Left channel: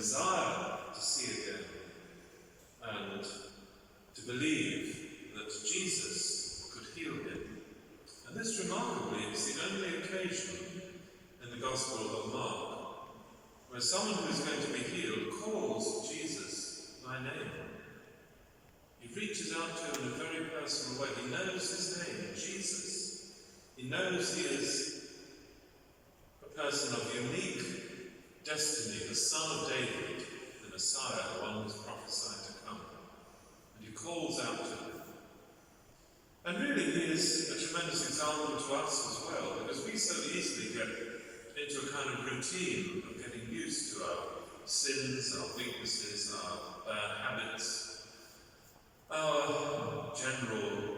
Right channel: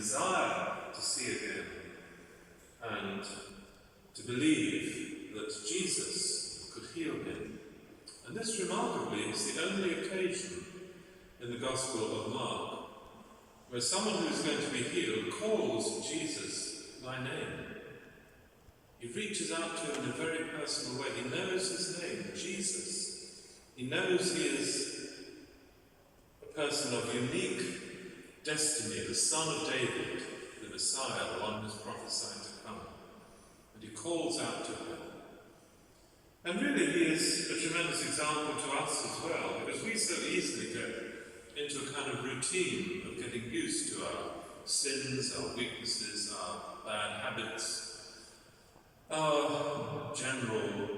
desire to see again and to believe that Jesus could heal him. And this, remarkably, is the only occasion in the Gospel of Mark where someone who is going to be healed calls Jesus by name. He reaches out to him in a very personal way. He knows his name, Jesus. He knows he is a person of unique destiny, the Son of David, the Messiah, the one who is prophesied to come. And he calls out to him. And really he is a tremendous example to us as well, because we so easily get into a kind of routine of getting used to our sins, our weaknesses, our bad habits, our general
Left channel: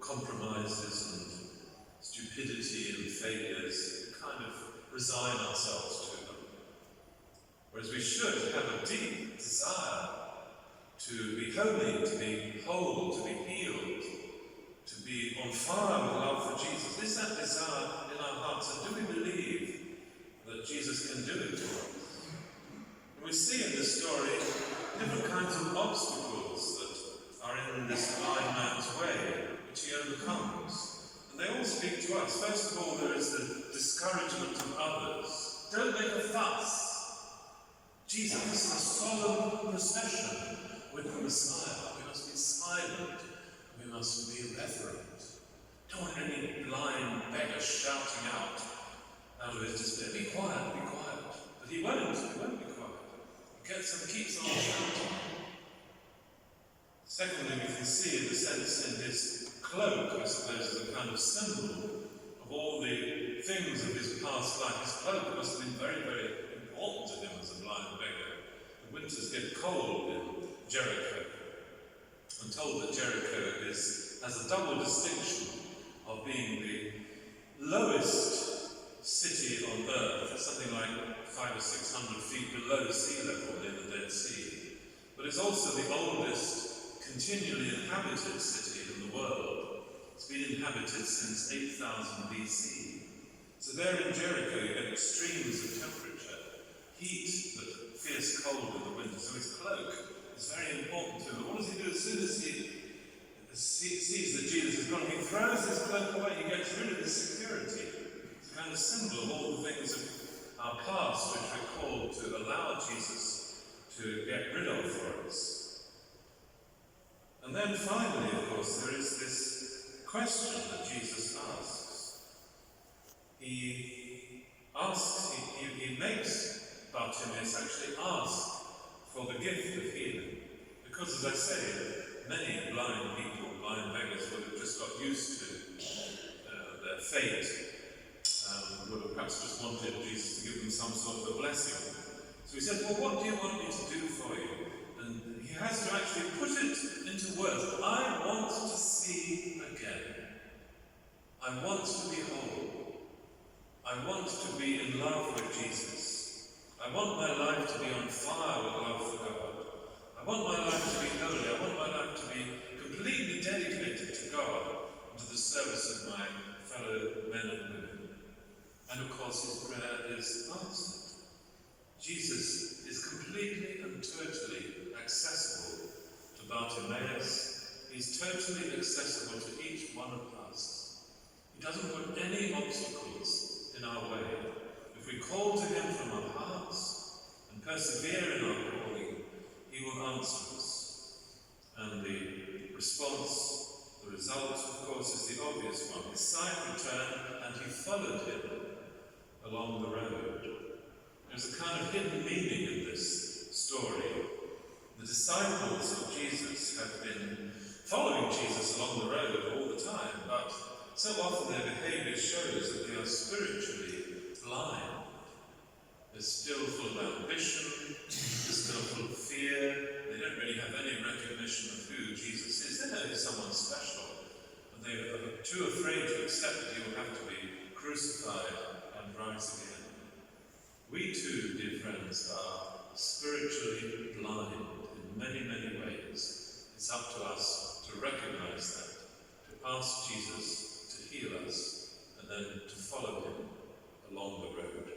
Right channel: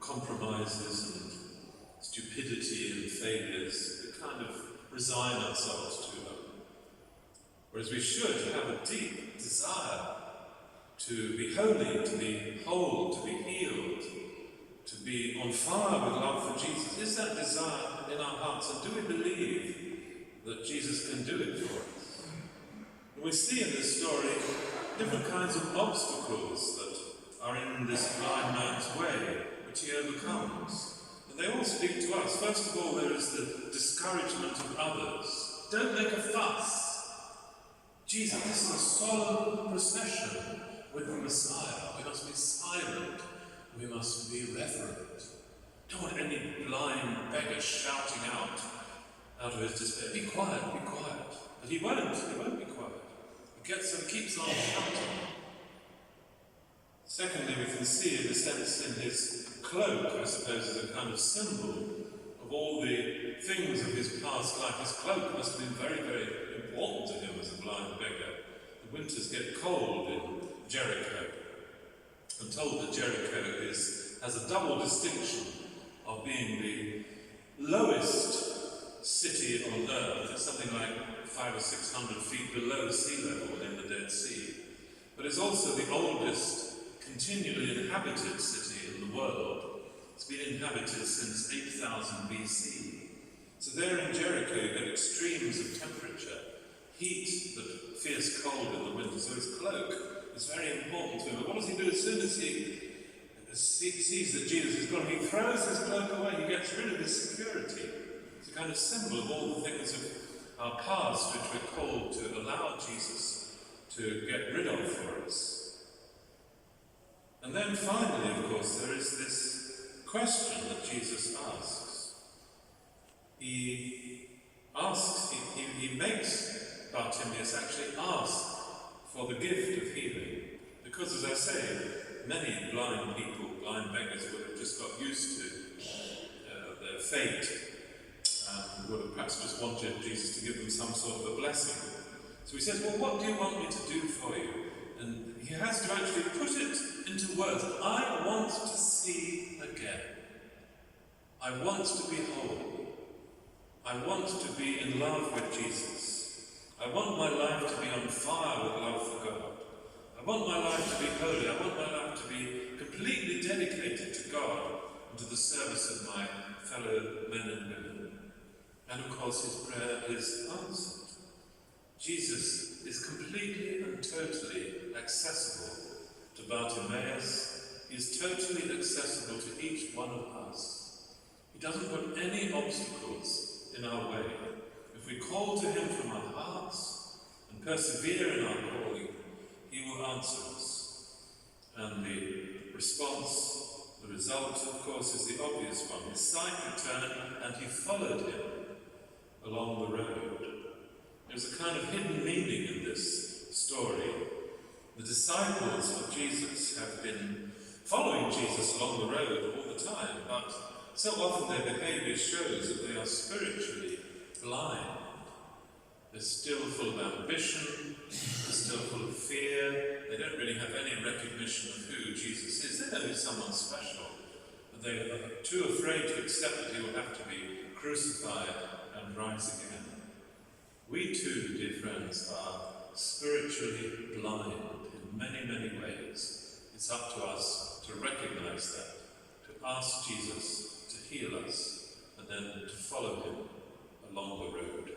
compromises and stupidity and failures. We kind of resign ourselves to them. Whereas we should have a deep desire to be holy, to be whole, to be healed, to be on fire with love for Jesus. Is that desire in our hearts? And do we believe that Jesus can do it for us? And we see in this story different kinds of obstacles that are in this blind man's way, which he overcomes. And they all speak to us. First of all, there is the discouragement of others. Don't make a fuss. Jesus, this is a solemn procession with the Messiah. We must be silent. We must be reverent. Don't want any blind beggar shouting out of his despair, be quiet, be quiet. But he won't be quiet. He keeps on shouting. Secondly, we can see the sense in his cloak, I suppose, as a kind of symbol of all the things of his past life. His cloak must have been very, very important to him as a blind beggar. The winters get cold in Jericho. I'm told that Jericho has a double distinction of being the lowest city on earth. It's something like 500 or 600 feet below sea level in the Dead Sea. But it's also the oldest continually inhabited city in the world. It's been inhabited since 8000 BC. So there in Jericho you get extremes of temperature, heat, but fierce cold in the winter. So his cloak is very important to him. But what does he do as soon as he sees that Jesus is gone? He throws his cloak away. He gets rid of his security. It's a kind of symbol of all the things of our past which we're called to allow Jesus to get rid of for us. And then finally, of course, there is this question that Jesus asks. He makes Bartimaeus actually ask for the gift of healing. Because, as I say, many blind people, blind beggars, would have just got used to their fate, would have perhaps just wanted Jesus to give them some sort of a blessing. So he says, well, what do you want me to do for you? And he has to actually put it into words. I want to see again. I want to be whole. I want to be in love with Jesus. I want my life to be on fire with love for God. I want my life to be holy. I want my life to be completely dedicated to God and to the service of my fellow men and women. And of course his prayer is answered. Jesus is completely and totally accessible to Bartimaeus. He is totally accessible to each one of us. He doesn't put any obstacles in our way. If we call to him from our hearts and persevere in our calling, he will answer us. And the response, the result, of course, is the obvious one. His sight returned and he followed him along the road. There's a kind of hidden meaning in this story. The disciples of Jesus have been following Jesus along the road all the time, but so often their behaviour shows that they are spiritually blind. They're still full of ambition, they're still full of fear, they don't really have any recognition of who Jesus is. They know he's someone special, but they are too afraid to accept that he will have to be crucified and rise again. We too, dear friends, are spiritually blind in many, many ways. It's up to us to recognize that, to ask Jesus to heal us, and then to follow him along the road.